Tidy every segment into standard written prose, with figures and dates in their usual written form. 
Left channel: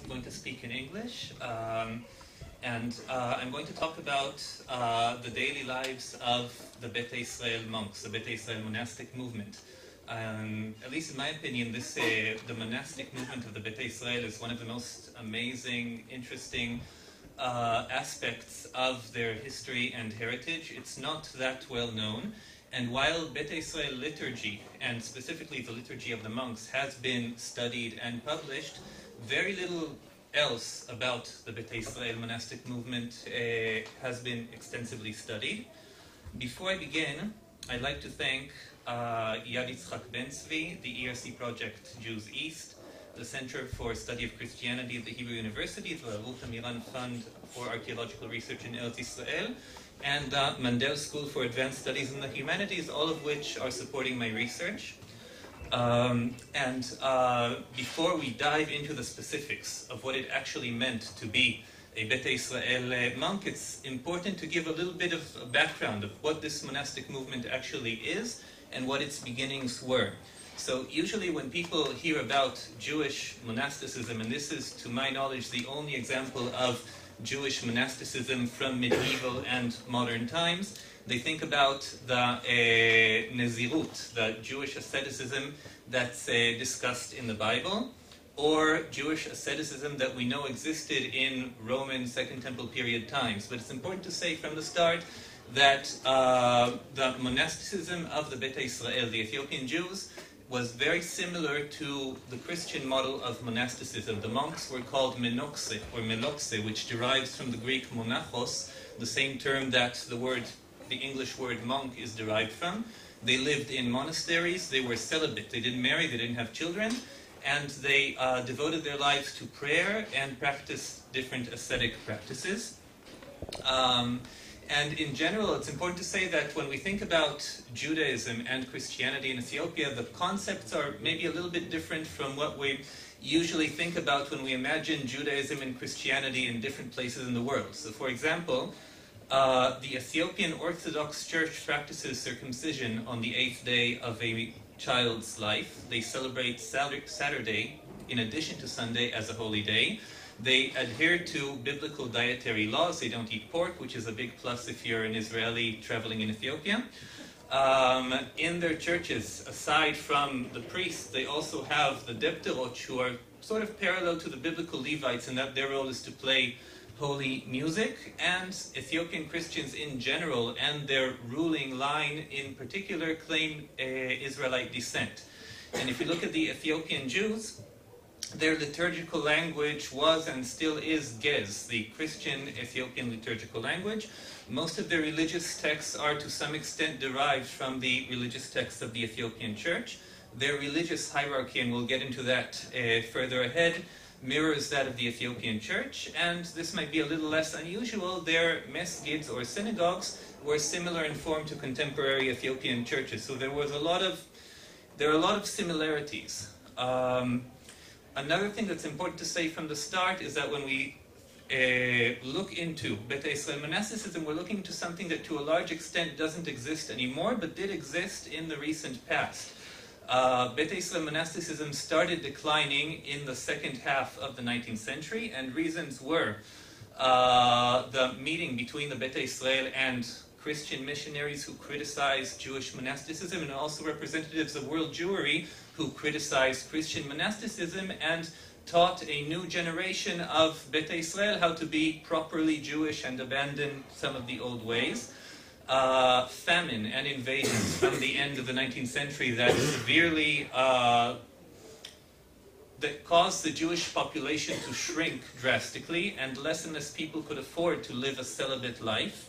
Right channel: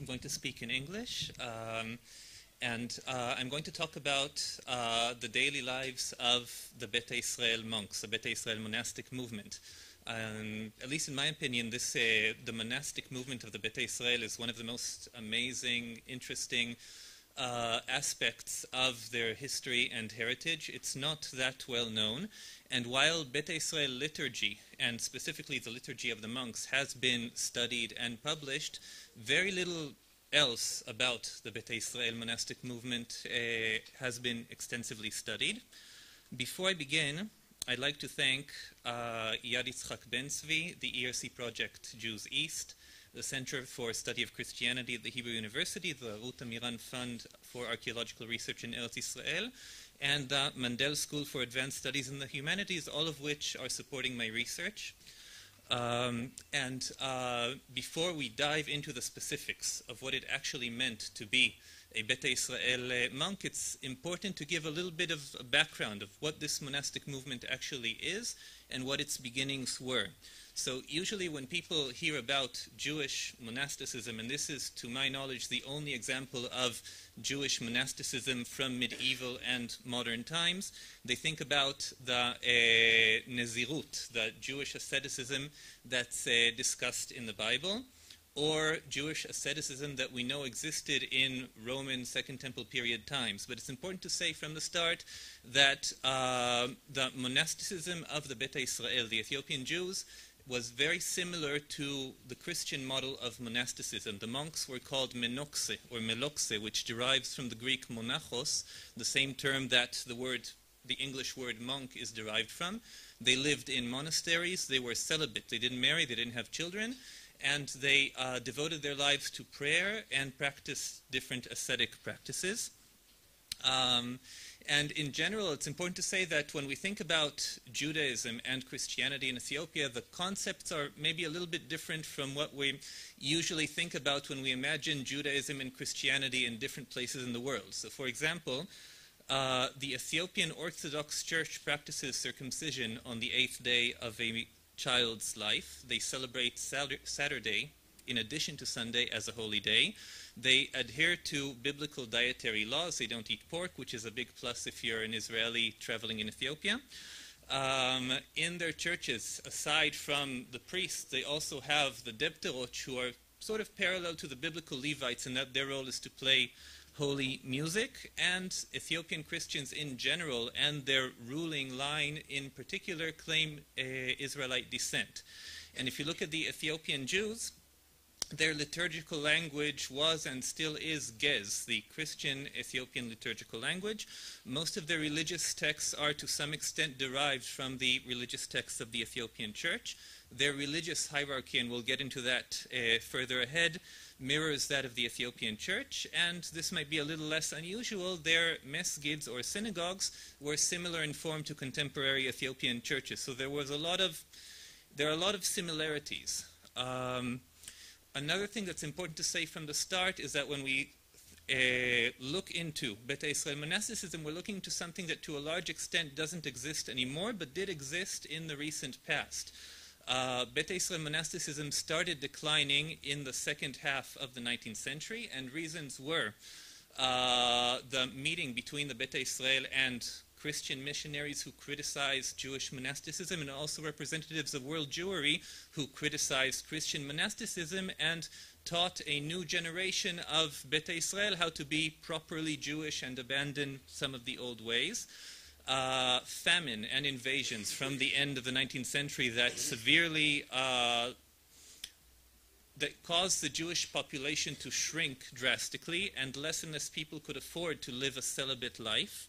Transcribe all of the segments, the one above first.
I'm going to speak in English, and I'm going to talk about the daily lives of the Beta Israel monks, the Beta Israel monastic movement. At least in my opinion, the monastic movement of the Beta Israel is one of the most amazing, interesting aspects of their history and heritage. It's not that well known, and while Beta Israel liturgy, and specifically the liturgy of the monks, has been studied and published, very little else about the Beta Israel monastic movement has been extensively studied. Before I begin, I'd like to thank Yad Yitzchak Ben Tzvi, the ERC project Jews East, the Center for Study of Christianity at the Hebrew University, the Ruth Amiran Fund for Archaeological Research in Eretz Israel, and Mandel School for Advanced Studies in the Humanities, all of which are supporting my research. Before we dive into the specifics of what it actually meant to be a Beta Israel monk, it's important to give a little bit of a background of what this monastic movement actually is and what its beginnings were. So usually when people hear about Jewish monasticism, and this is to my knowledge the only example of Jewish monasticism from medieval and modern times, they think about the Nizirut, the Jewish asceticism that's discussed in the Bible, or Jewish asceticism that we know existed in Roman Second Temple period times. But it's important to say from the start that the monasticism of the Beta Israel, the Ethiopian Jews, was very similar to the Christian model of monasticism. The monks were called menokse, or melokse, which derives from the Greek monachos, the same term that the English word monk is derived from. They lived in monasteries, they were celibate, they didn't marry, they didn't have children, and they devoted their lives to prayer and practiced different ascetic practices. And in general, it's important to say that when we think about Judaism and Christianity in Ethiopia, the concepts are maybe a little bit different from what we usually think about when we imagine Judaism and Christianity in different places in the world. So for example, the Ethiopian Orthodox Church practices circumcision on the 8th day of a child's life. They celebrate Saturday in addition to Sunday as a holy day. They adhere to biblical dietary laws. They don't eat pork, which is a big plus if you're an Israeli traveling in Ethiopia. In their churches, aside from the priests, they also have the debterot, who are sort of parallel to the biblical Levites in that their role is to play holy music. And Ethiopian Christians in general and their ruling line in particular claim Israelite descent. And if you look at the Ethiopian Jews, their liturgical language was and still is Gez, the Christian Ethiopian liturgical language. Most of their religious texts are to some extent derived from the religious texts of the Ethiopian Church. Their religious hierarchy, and we'll get into that further ahead, mirrors that of the Ethiopian Church, and this might be a little less unusual. Their mesgids or synagogues were similar in form to contemporary Ethiopian churches, so there are a lot of similarities. Another thing that's important to say from the start is that when we look into Beta Israel monasticism, we're looking to something that to a large extent doesn't exist anymore, but did exist in the recent past. Beta Israel monasticism started declining in the second half of the 19th century, and reasons were the meeting between the Beta Israel and Christian missionaries who criticized Jewish monasticism, and also representatives of world Jewry who criticized Christian monasticism and taught a new generation of Beta Israel how to be properly Jewish and abandon some of the old ways. Famine and invasions from the end of the 19th century that severely that caused the Jewish population to shrink drastically, and less and less people could afford to live a celibate life.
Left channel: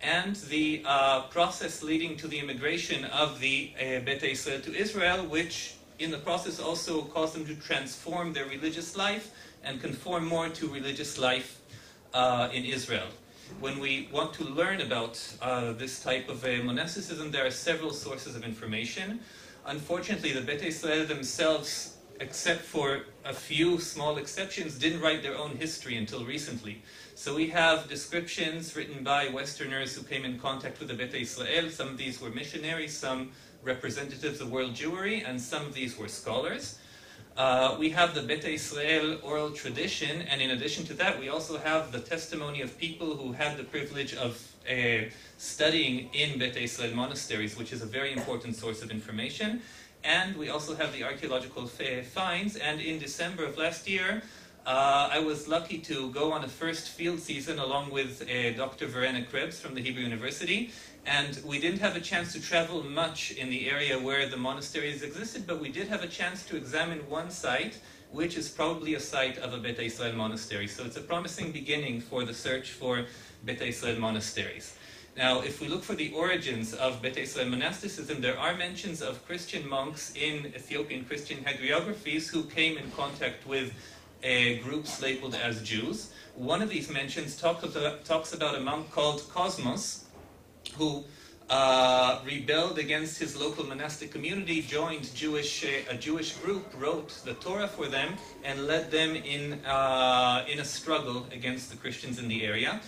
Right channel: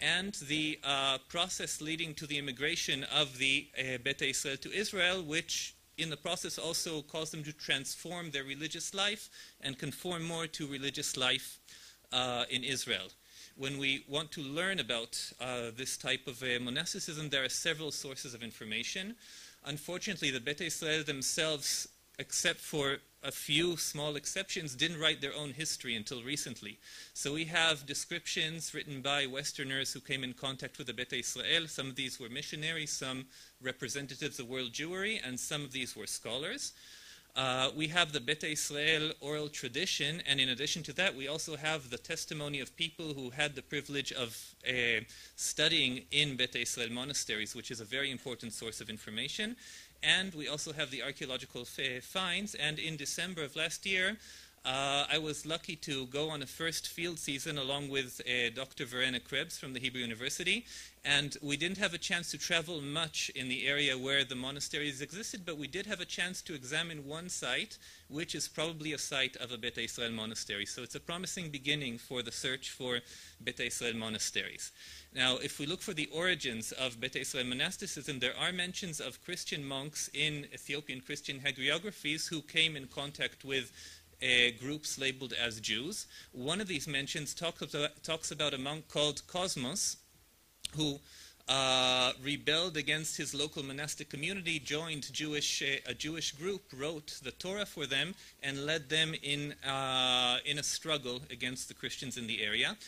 And the process leading to the immigration of the Beta Israel to Israel, which in the process also caused them to transform their religious life and conform more to religious life in Israel. When we want to learn about this type of monasticism, there are several sources of information. Unfortunately, the Beta Israel themselves, except for a few small exceptions, didn't write their own history until recently. So we have descriptions written by Westerners who came in contact with the Beta Israel. Some of these were missionaries, some representatives of world Jewry, and some of these were scholars. We have the Beta Israel oral tradition, and in addition to that, we also have the testimony of people who had the privilege of studying in Beta Israel monasteries, which is a very important source of information. And we also have the archaeological finds, and in December of last year, I was lucky to go on a first field season along with Dr. Kribus from the Hebrew University, and we didn't have a chance to travel much in the area where the monasteries existed, but we did have a chance to examine one site, which is probably a site of a Beta Israel monastery. So it's a promising beginning for the search for Beta Israel monasteries. Now, if we look for the origins of Beta Israel monasticism, there are mentions of Christian monks in Ethiopian Christian hagiographies who came in contact with groups labeled as Jews. One of these mentions talks about a monk called Cosmos, who rebelled against his local monastic community, joined a Jewish group, wrote the Torah for them, and led them in a struggle against the Christians in the area.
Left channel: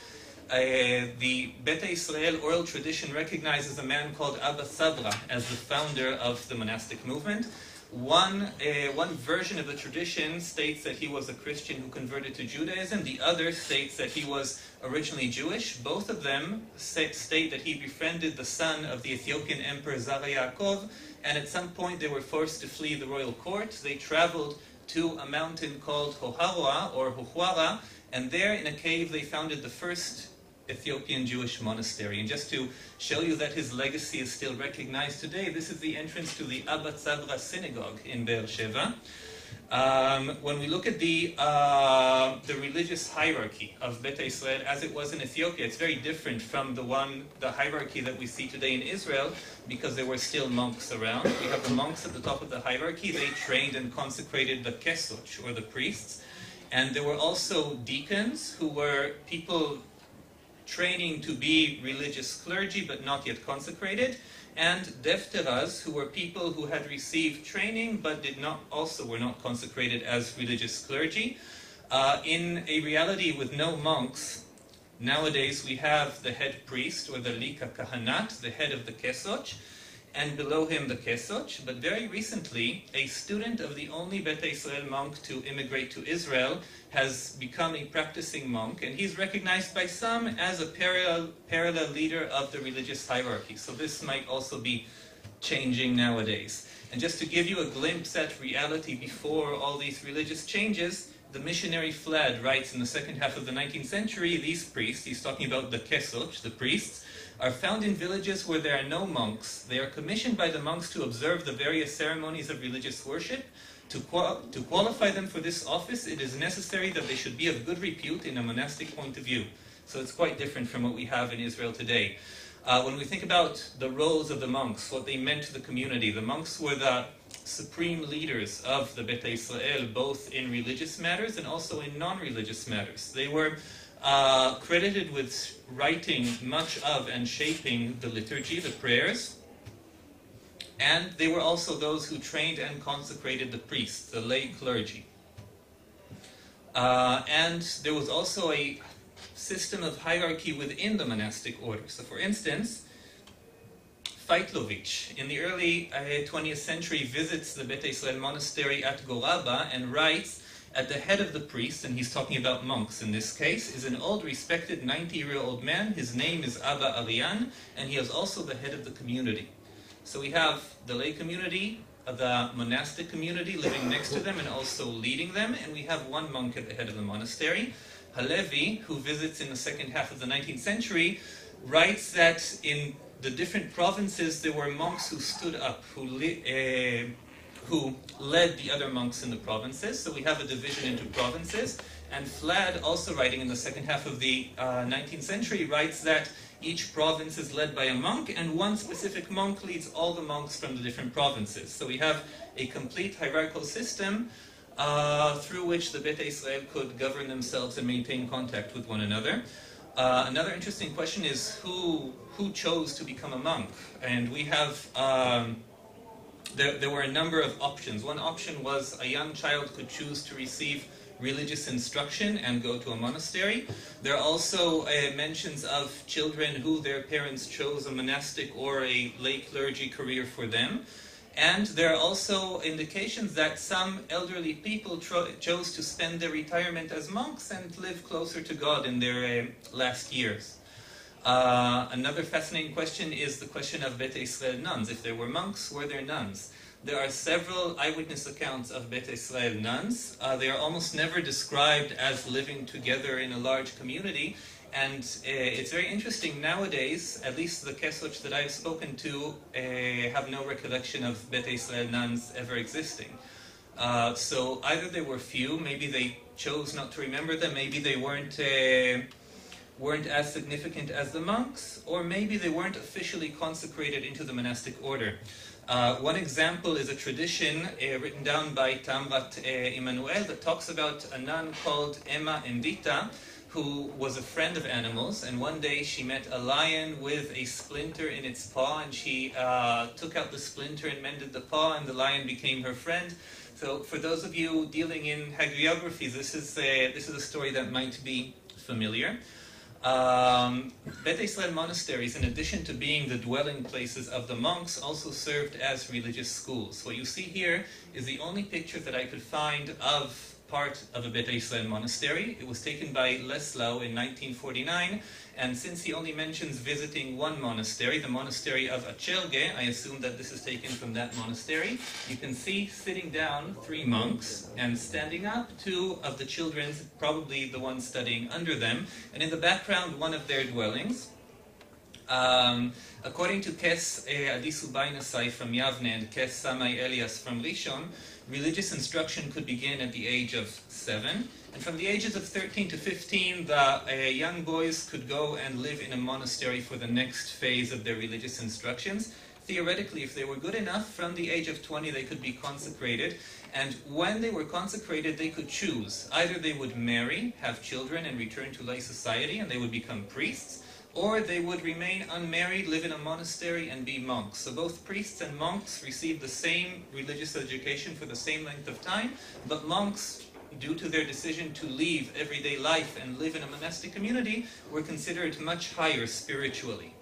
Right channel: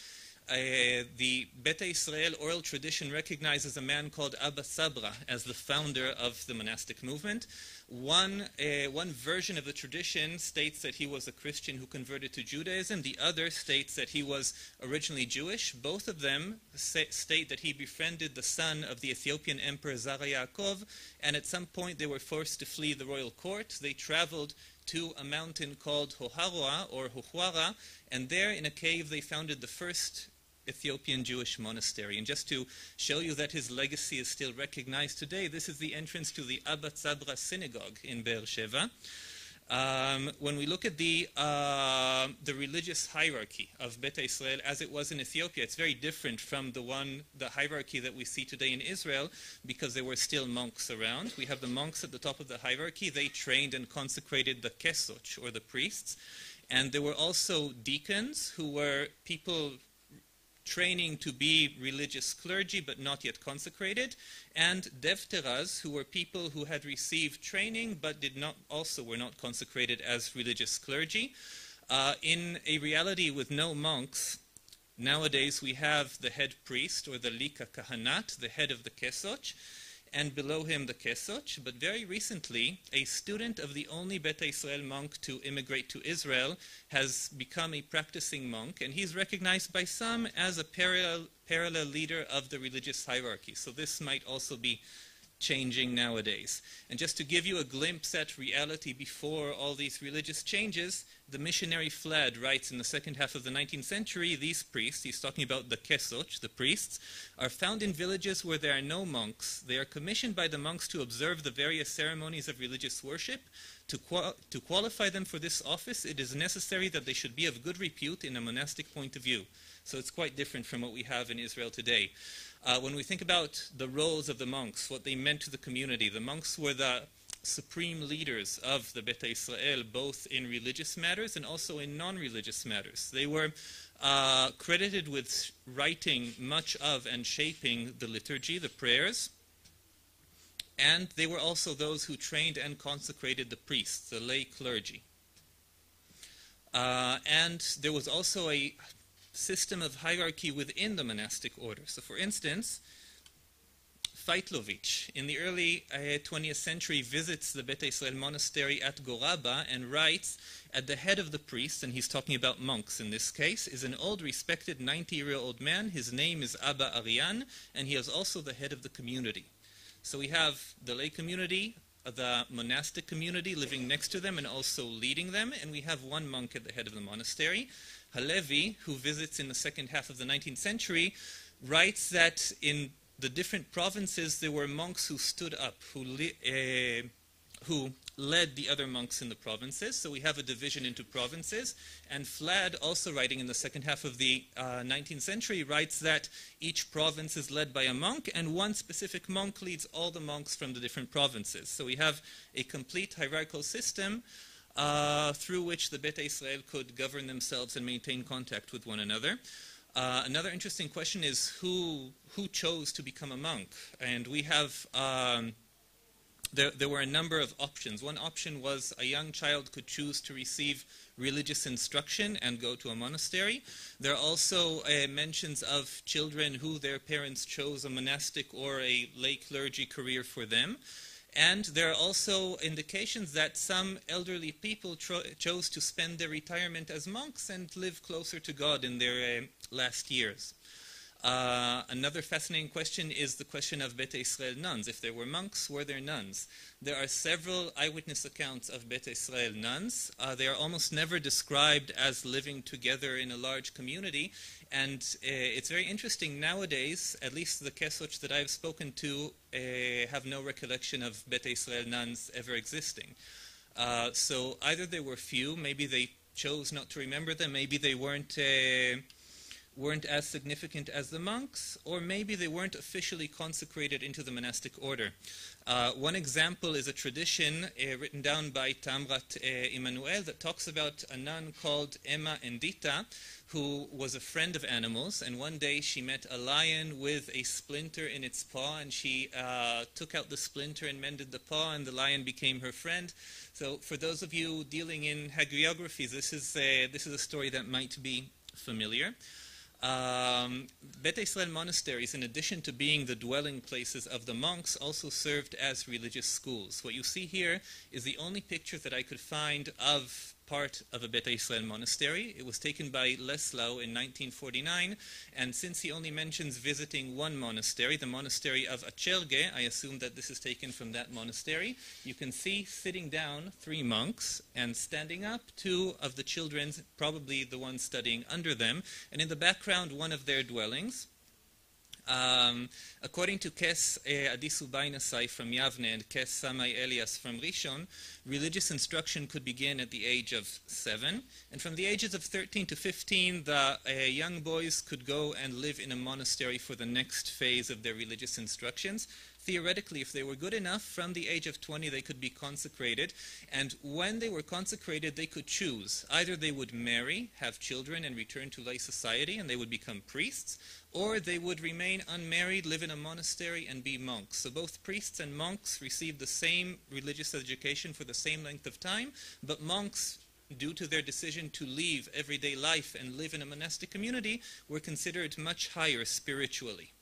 The Beta Israel oral tradition recognizes a man called Abba Sabra as the founder of the monastic movement. One version of the tradition states that he was a Christian who converted to Judaism. The other states that he was originally Jewish. Both of them state that he befriended the son of the Ethiopian emperor Zara Yaakov, and at some point they were forced to flee the royal court. They traveled to a mountain called Hoharua or Huhwara, and there in a cave they founded the first Ethiopian Jewish monastery. And just to show you that his legacy is still recognized today, this is the entrance to the Abba Sabra synagogue in Beersheba. When we look at the religious hierarchy of Beta Israel as it was in Ethiopia, it's very different from the hierarchy that we see today in Israel, because there were still monks around. We have the monks at the top of the hierarchy. They trained and consecrated the kesoch, or the priests. And there were also deacons, who were people training to be religious clergy but not yet consecrated, and defteras, who were people who had received training but were not consecrated as religious clergy. In a reality with no monks, nowadays we have the head priest, or the lika kahanat, the head of the kesoch, and below him the kesoch. But very recently, a student of the only Beta Israel monk to immigrate to Israel has become a practicing monk, and he's recognized by some as a parallel leader of the religious hierarchy. So this might also be changing nowadays. And just to give you a glimpse at reality before all these religious changes, the missionary Flad writes in the second half of the 19th century, these priests, he's talking about the kesoch, the priests, are found in villages where there are no monks. They are commissioned by the monks to observe the various ceremonies of religious worship. To qualify them for this office, it is necessary that they should be of good repute in a monastic point of view. So it's quite different from what we have in Israel today. When we think about the roles of the monks, what they meant to the community, the monks were the supreme leaders of the Beta Israel, both in religious matters and also in non-religious matters. They were credited with writing much of and shaping the liturgy, the prayers, and they were also those who trained and consecrated the priests, the lay clergy. And there was also a system of hierarchy within the monastic order. So for instance, Feitlovich, in the early 20th century, visits the Beta Israel monastery at Goraba and writes, at the head of the priests, and he's talking about monks in this case, is an old respected 90-year-old man. His name is Abba Arian, and he is also the head of the community. So we have the lay community, the monastic community living next to them and also leading them, and we have one monk at the head of the monastery. Halevi, who visits in the second half of the 19th century, writes that in the different provinces there were monks who stood up, who led the other monks in the provinces. So we have a division into provinces. And Flad, also writing in the second half of the 19th century, writes that each province is led by a monk, and one specific monk leads all the monks from the different provinces. So we have a complete hierarchical system through which the Beta Israel could govern themselves and maintain contact with one another. Another interesting question is who chose to become a monk? And we have, there were a number of options. One option was a young child could choose to receive religious instruction and go to a monastery. There are also mentions of children who their parents chose a monastic or a lay clergy career for them. And there are also indications that some elderly people chose to spend their retirement as monks and live closer to God in their last years. Another fascinating question is the question of Beta Israel nuns. If there were monks, were there nuns? There are several eyewitness accounts of Beta Israel nuns. They are almost never described as living together in a large community. And it's very interesting nowadays, at least the Kesoch that I've spoken to have no recollection of Beta Israel nuns ever existing. So either there were few, maybe they chose not to remember them, maybe they weren't as significant as the monks, or maybe they weren't officially consecrated into the monastic order. One example is a tradition written down by Tamrat Immanuel that talks about a nun called Emma Endita, who was a friend of animals, and one day she met a lion with a splinter in its paw, and she took out the splinter and mended the paw, and the lion became her friend. So for those of you dealing in hagiography, this is a story that might be familiar. Beta Israel monasteries, in addition to being the dwelling places of the monks, also served as religious schools. What you see here is the only picture that I could find of part of a Beta Israel monastery. It was taken by Leslau in 1949, and since he only mentions visiting one monastery, the monastery of Achelge, I assume that this is taken from that monastery. You can see sitting down 3 monks, and standing up 2 of the children, probably the ones studying under them, and in the background one of their dwellings. According to Kes Adisu Bainasai from Yavne and Kes Samai Elias from Rishon, religious instruction could begin at the age of 7, and from the ages of 13 to 15, the young boys could go and live in a monastery for the next phase of their religious instructions. Theoretically, if they were good enough, from the age of 20 they could be consecrated, and when they were consecrated they could choose. Either they would marry, have children, and return to lay society, and they would become priests, or they would remain unmarried, live in a monastery, and be monks. So both priests and monks received the same religious education for the same length of time, but monks, due to their decision to leave everyday life and live in a monastic community, were considered much higher spiritually.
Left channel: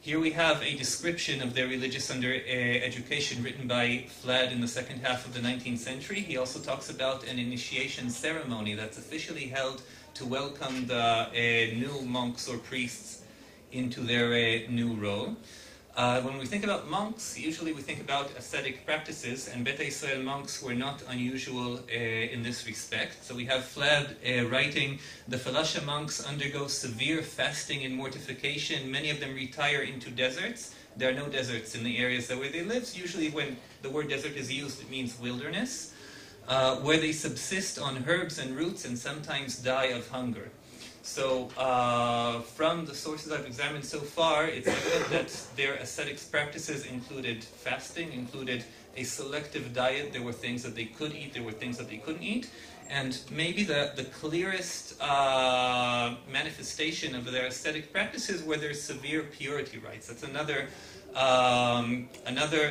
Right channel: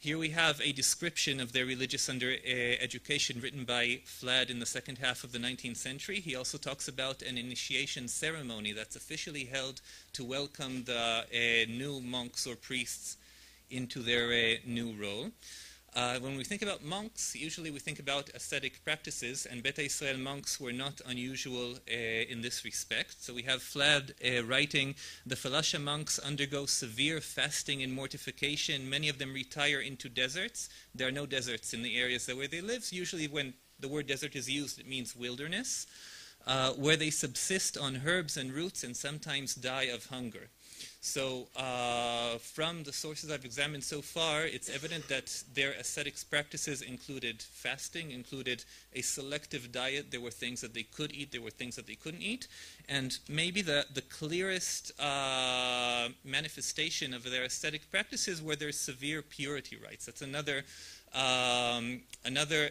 Here we have a description of their religious education written by Flad in the second half of the 19th century. He also talks about an initiation ceremony that's officially held to welcome the new monks or priests into their new role. When we think about monks, usually we think about ascetic practices, and Beta Israel monks were not unusual in this respect. So we have Flad writing, the Falasha monks undergo severe fasting and mortification. Many of them retire into deserts. There are no deserts in the areas where they live. Usually when the word desert is used, it means wilderness, where they subsist on herbs and roots and sometimes die of hunger. So from the sources I've examined so far, it's evident that their ascetics practices included fasting, included a selective diet. There were things that they could eat, there were things that they couldn't eat. And maybe the clearest manifestation of their ascetic practices were their severe purity rites. That's another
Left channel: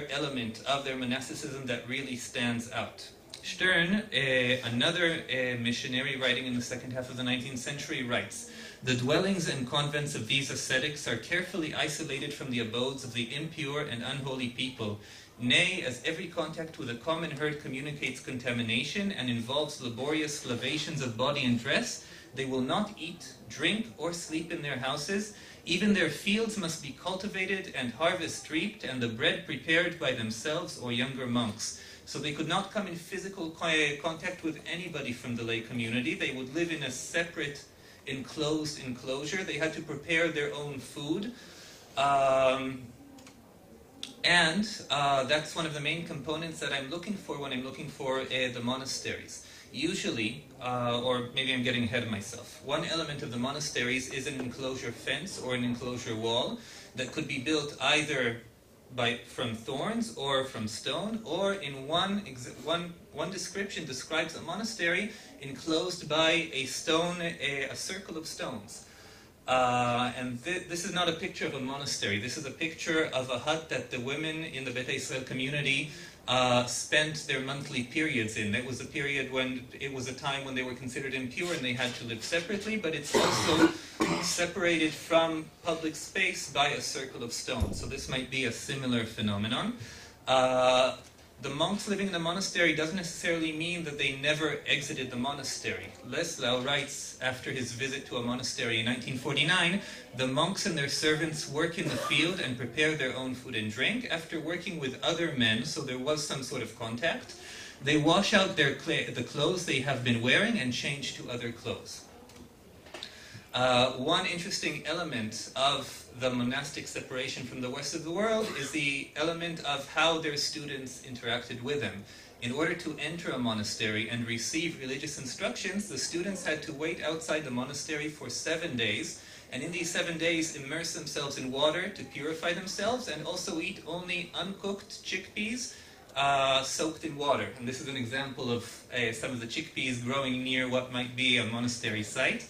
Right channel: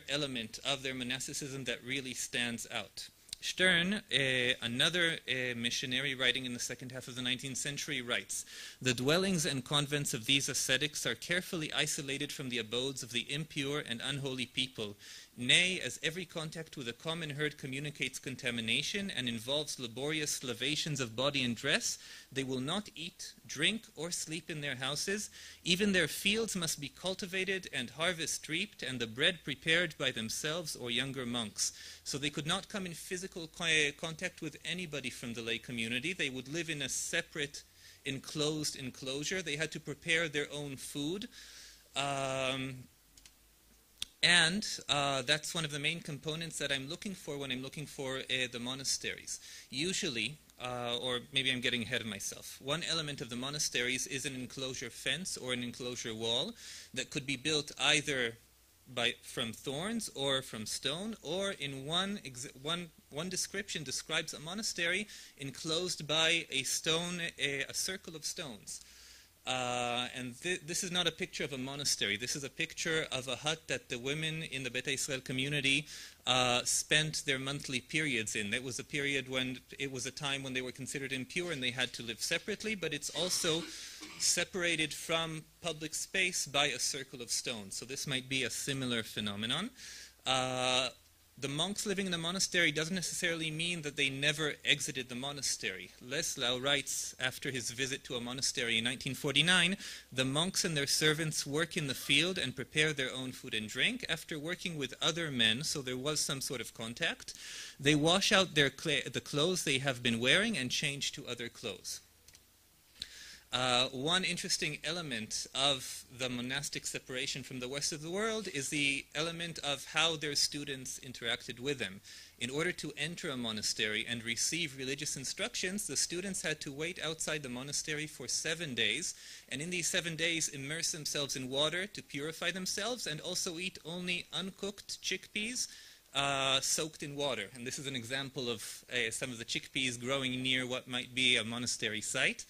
element of their monasticism that really stands out. Stern, another missionary writing in the second half of the 19th century, writes, the dwellings and convents of these ascetics are carefully isolated from the abodes of the impure and unholy people. Nay, as every contact with a common herd communicates contamination and involves laborious lavations of body and dress, they will not eat, drink, or sleep in their houses. Even their fields must be cultivated and harvest reaped, and the bread prepared by themselves or younger monks. So they could not come in physical contact with anybody from the lay community. They would live in a separate enclosed enclosure. They had to prepare their own food. And that's one of the main components that I'm looking for when I'm looking for the monasteries. Usually, or maybe I'm getting ahead of myself, one element of the monasteries is an enclosure fence or an enclosure wall that could be built either from thorns or from stone, or in one description describes a monastery enclosed by a stone, a circle of stones. And this is not a picture of a monastery. This is a picture of a hut that the women in the Beta Israel community spent their monthly periods in. It was a period when it was a time when they were considered impure and they had to live separately, but it's also separated from public space by a circle of stone. So this might be a similar phenomenon. The monks living in the monastery doesn't necessarily mean that they never exited the monastery. Leslau writes after his visit to a monastery in 1949, the monks and their servants work in the field and prepare their own food and drink. After working with other men, so there was some sort of contact, they wash out the clothes they have been wearing and change to other clothes. One interesting element of the monastic separation from the rest of the world is the element of how their students interacted with them. In order to enter a monastery and receive religious instructions, the students had to wait outside the monastery for 7 days, and in these 7 days immerse themselves in water to purify themselves, and also eat only uncooked chickpeas soaked in water. And this is an example of some of the chickpeas growing near what might be a monastery site.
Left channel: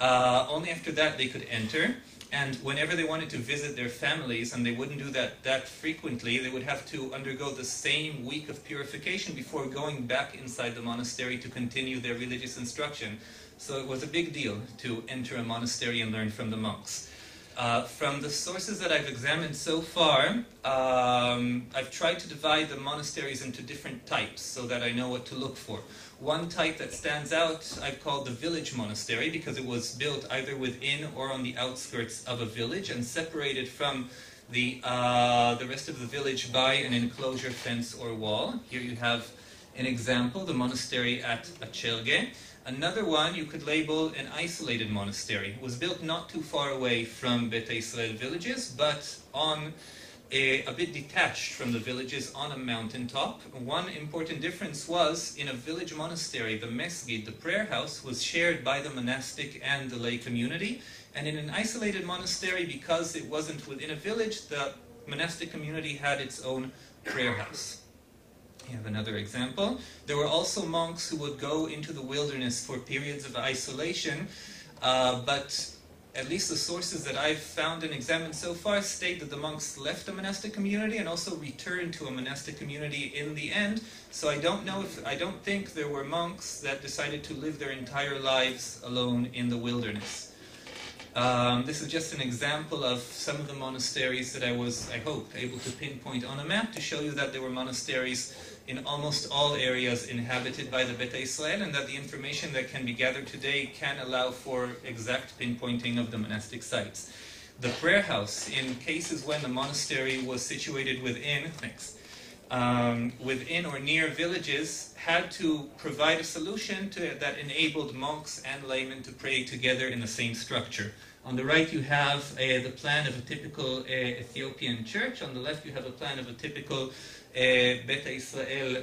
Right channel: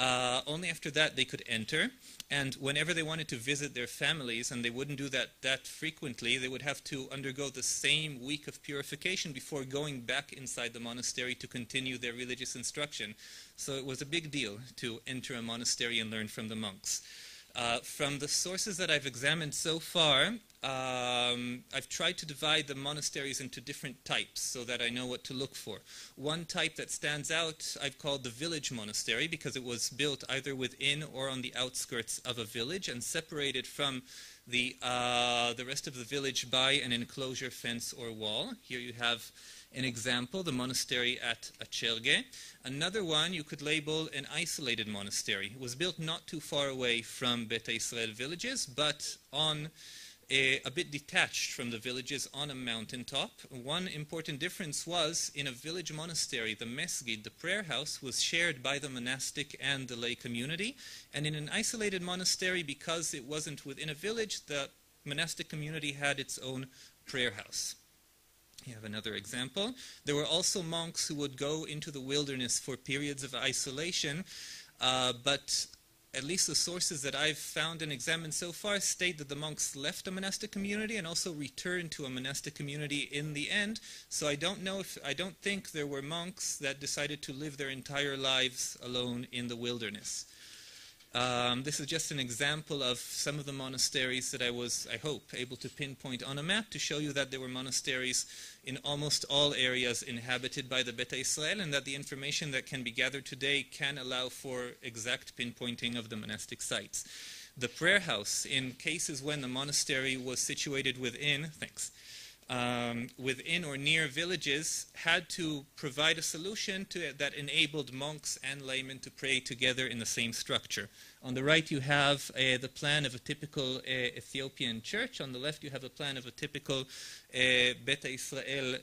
Only after that they could enter, and whenever they wanted to visit their families, and they wouldn't do that frequently, they would have to undergo the same week of purification before going back inside the monastery to continue their religious instruction. So it was a big deal to enter a monastery and learn from the monks. From the sources that I've examined so far, I've tried to divide the monasteries into different types so that I know what to look for. One type that stands out I've called the Village Monastery because it was built either within or on the outskirts of a village and separated from the rest of the village by an enclosure, fence or wall. Here you have an example, the monastery at Acherge. Another one you could label an isolated monastery. It was built not too far away from Beta Israel villages, but on a bit detached from the villages on a mountaintop. One important difference was, in a village monastery, the mesgid, the prayer house, was shared by the monastic and the lay community. And in an isolated monastery, because it wasn't within a village, the monastic community had its own prayer house. You have another example. There were also monks who would go into the wilderness for periods of isolation, but at least the sources that I've found and examined so far state that the monks left the monastic community and also returned to a monastic community in the end. So I don't think there were monks that decided to live their entire lives alone in the wilderness. This is just an example of some of the monasteries that I was, I hope, able to pinpoint on a map to show you that there were monasteries in almost all areas inhabited by the Beta Israel, and that the information that can be gathered today can allow for exact pinpointing of the monastic sites. The prayer house, in cases when the monastery was situated within or near villages, had to provide a solution that enabled monks and laymen to pray together in the same structure. On the right you have the plan of a typical Ethiopian church. On the left you have a plan of a typical Beta Israel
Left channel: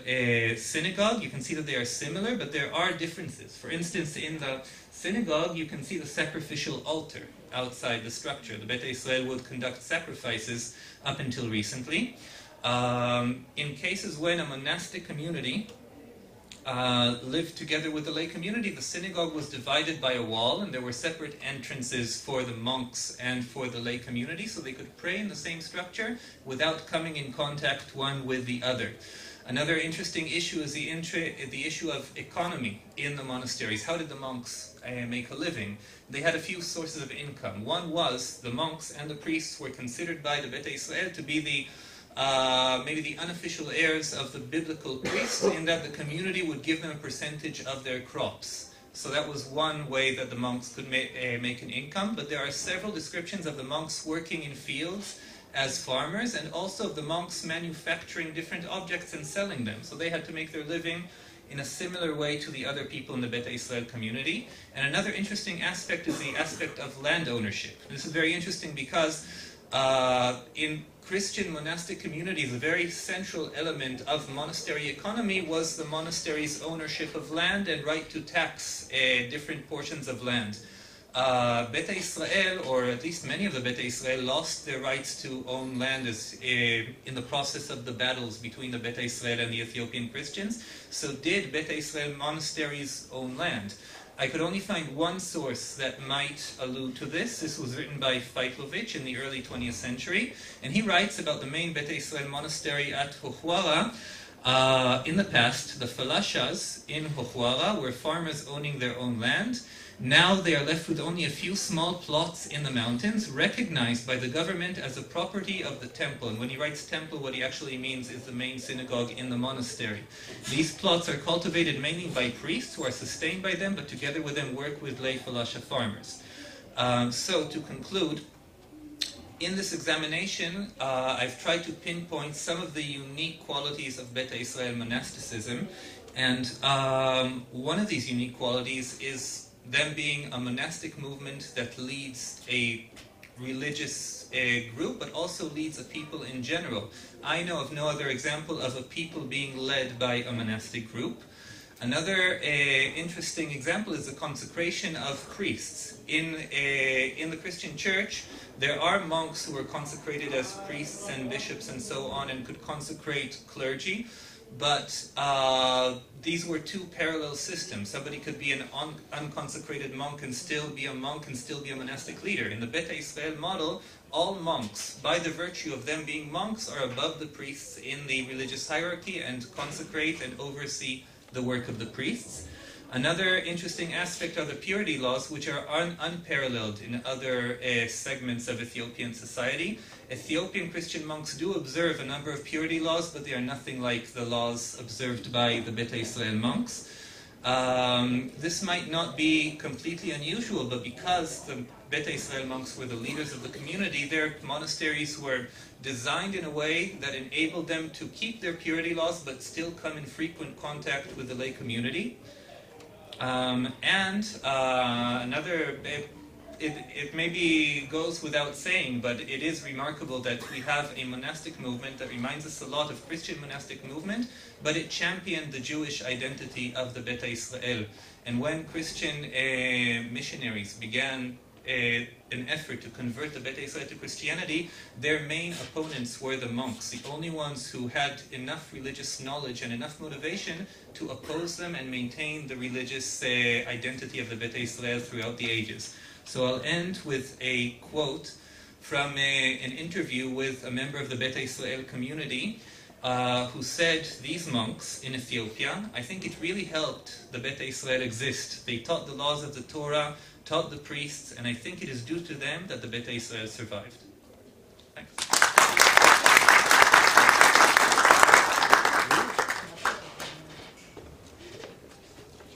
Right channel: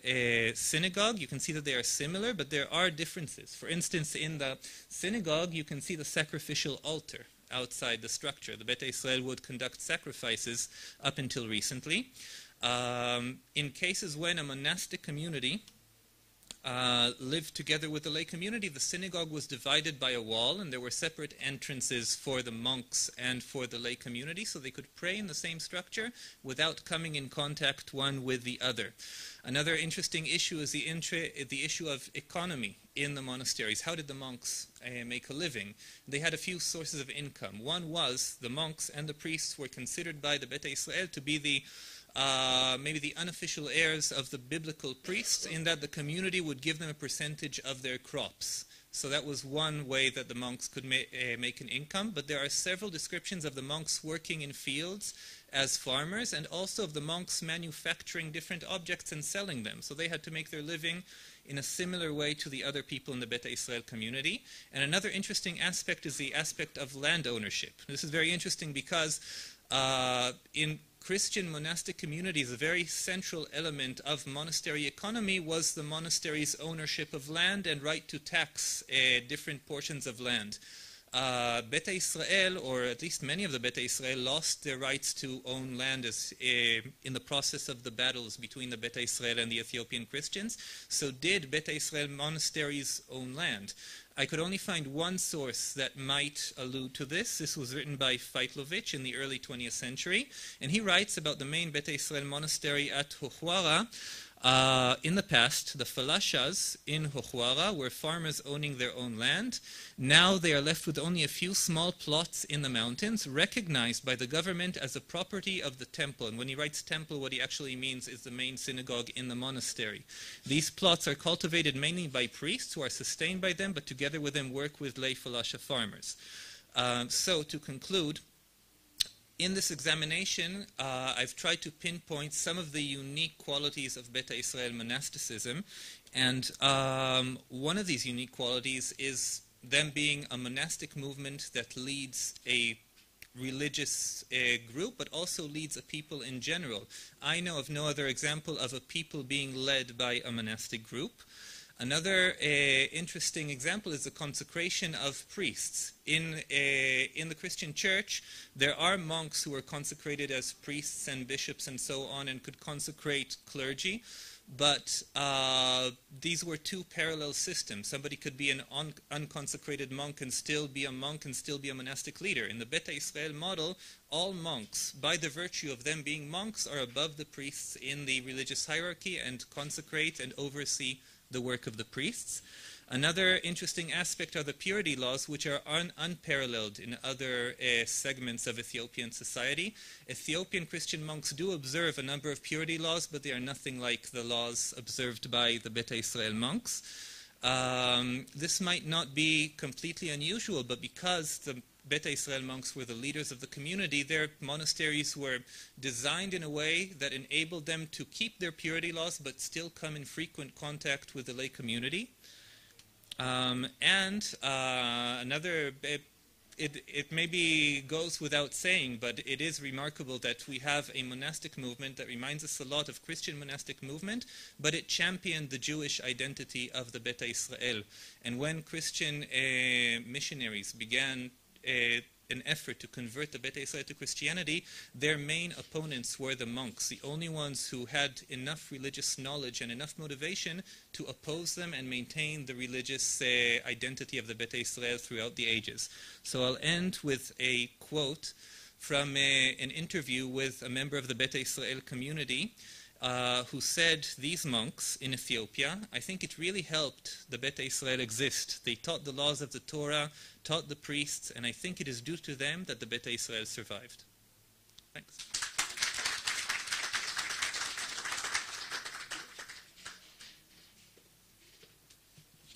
synagogue. You can see that they are similar, but there are differences. For instance, in the synagogue you can see the sacrificial altar outside the structure. The Beta Israel would conduct sacrifices up until recently. In cases when a monastic community lived together with the lay community, the synagogue was divided by a wall, and there were separate entrances for the monks and for the lay community, so they could pray in the same structure without coming in contact one with the other. Another interesting issue is the issue of economy in the monasteries. How did the monks make a living? They had a few sources of income. One was the monks and the priests were considered by the Beta Israel to be maybe the unofficial heirs of the biblical priests, in that the community would give them a percentage of their crops. So that was one way that the monks could make an income, but there are several descriptions of the monks working in fields as farmers, and also of the monks manufacturing different objects and selling them. So they had to make their living in a similar way to the other people in the Beta Israel community. And another interesting aspect is the aspect of land ownership. This is very interesting because in Christian monastic communities, a very central element of monastery economy was the monastery's ownership of land and right to tax different portions of land. Beta Israel, or at least many of the Beta Israel, lost their rights to own land in the process of the battles between the Beta Israel and the Ethiopian Christians. So did Beta Israel monasteries own land? I could only find one source that might allude to this. This was written by Feitlovich in the early 20th century, and he writes about the main Beta Israel monastery at Huhwara. In the past, the falashas in Hochwara were farmers owning their own land. Now they are left with only a few small plots in the mountains, recognized by the government as a property of the temple. And when he writes temple, what he actually means is the main synagogue in the monastery. These plots are cultivated mainly by priests who are sustained by them, but together with them work with lay falasha farmers. So to conclude, in this examination, I've tried to pinpoint some of the unique qualities of Beta Israel monasticism. And one of these unique qualities is them being a monastic movement that leads a religious group, but also leads a people in general. I know of no other example of a people being led by a monastic group. Another interesting example is the consecration of priests. In the Christian church, there are monks who are consecrated as priests and bishops and so on, and could consecrate clergy. But these were two parallel systems. Somebody could be an unconsecrated monk and still be a monk and still be a monastic leader. In the Beta Israel model, all monks, by the virtue of them being monks, are above the priests in the religious hierarchy and consecrate and oversee the work of the priests. Another interesting aspect are the purity laws, which are unparalleled in other segments of Ethiopian society. Ethiopian Christian monks do observe a number of purity laws, but they are nothing like the laws observed by the Beta Israel monks. This might not be completely unusual, but because the Beta Israel monks were the leaders of the community, their monasteries were designed in a way that enabled them to keep their purity laws, but still come in frequent contact with the lay community. It maybe goes without saying, but it is remarkable that we have a monastic movement that reminds us a lot of Christian monastic movement, but it championed the Jewish identity of the Beta Israel. And when Christian missionaries began an effort to convert the Beta Israel to Christianity, their main opponents were the monks, the only ones who had enough religious knowledge and enough motivation to oppose them and maintain the religious identity of the Beta Israel throughout the ages. So I'll end with a quote from an interview with a member of the Beta Israel community who said, these monks in Ethiopia, I think it really helped the Beta Israel exist. They taught the laws of the Torah, taught the priests, and I think it is due to them that the Beta Israel survived. Thanks.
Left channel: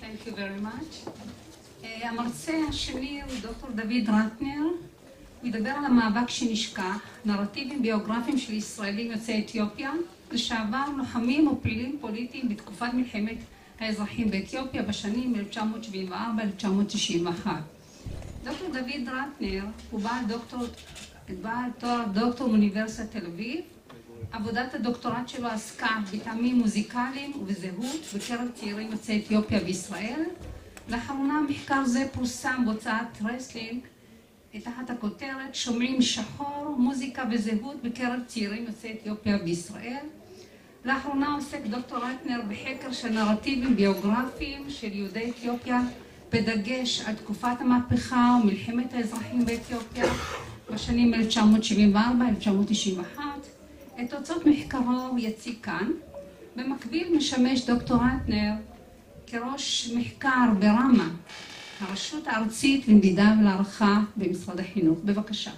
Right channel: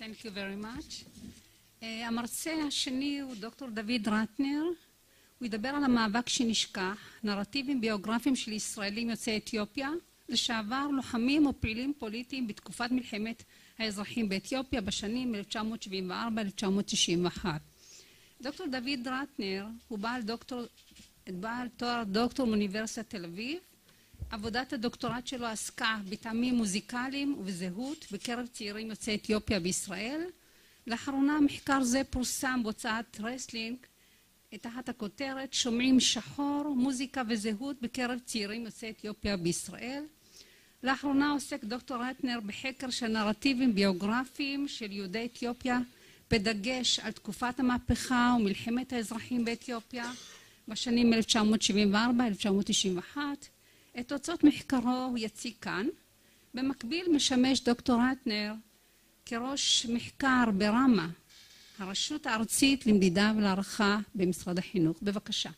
Thank you very much. המרצה השני הוא דוקטור דוד רטנר. הוא ידבר על המאבק שנשכח, נרטיבים ביוגרפיים של ישראלים יוצאי אתיופיה, לשעבר לוחמים ופעילים פוליטיים בתקופת מלחמת האזרחים באתיופיה בשנים 1974-1991. דוקטור דוד רטנר הוא בעל תואר דוקטור מאוניברסיטת תל אביב. עבודת הדוקטורט שלו עסקה בטעמים מוזיקליים ובזהות בקרב צעירים יוצאי אתיופיה בישראל. לאחרונה מחקר זה פורסם בהוצאת רסלינג תחת הכותרת שומעים שחור, מוזיקה וזהות בקרב צעירים יוצאי אתיופיה בישראל. לאחרונה עוסק דוקטור רטנר בחקר של נרטיבים ביוגרפיים של יהודי אתיופיה, בדגש על תקופת המהפכה ומלחמת האזרחים באתיופיה בשנים 1974-1991. את תוצאות מחקרו הוא יציג כאן. במקביל משמש דוקטור רטנר כראש מחקר ברמה, הרשות הארצית למדידה ולהערכה במשרד החינוך. בבקשה.